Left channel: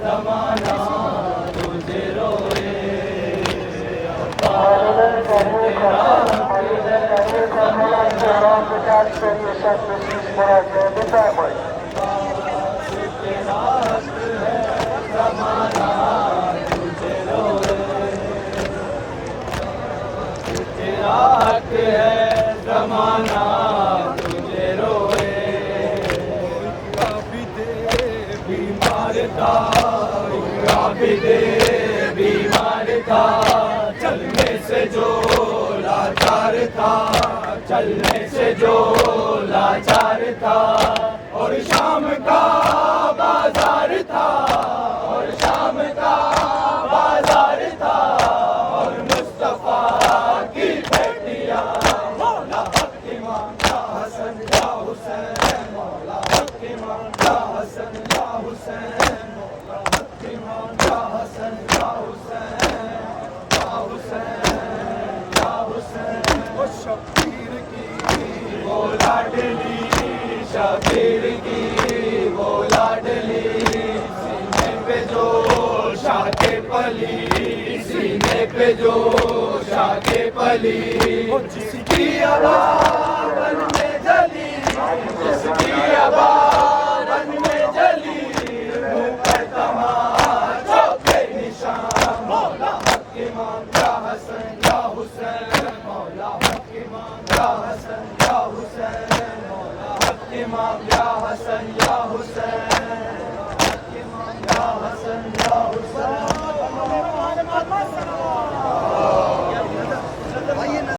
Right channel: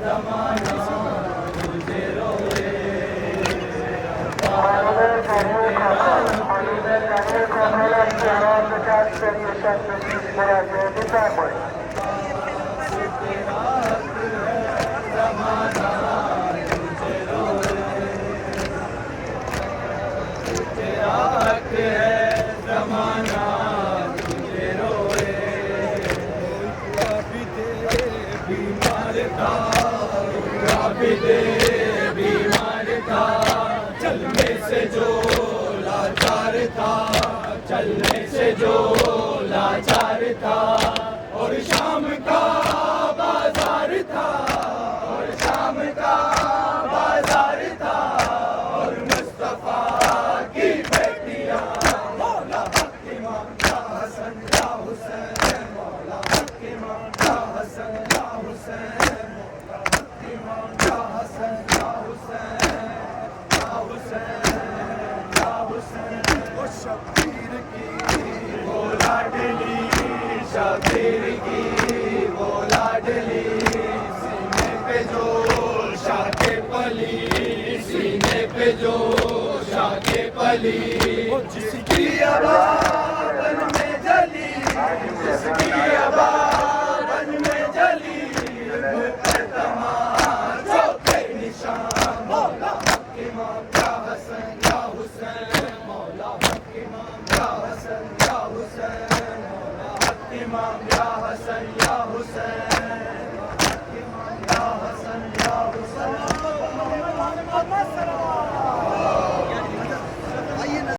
ज़माना तुझे रोए। तेरा हक है ज़माना तुझे रोए। बीमार था, बीमार था, चलने से जो लाचार था, चलने से जो लाचार था। और शाम का बाजार था, और शाम का बाजार था, और मुस्तफा की बेटियां मौला फतिमा का हसन का हुसैन, मौला फतिमा का हसन का हुसैन, मौला फतिमा का हसन का हुसैन, का हुसैन, का हुसैन। ओ शबीर की वो लाडली, शबीर की वो लाडली, सीने पे जो शाके पली, सीने पे जो शाके पली, जिसकी आवाज़ में जली, जिसकी आवाज़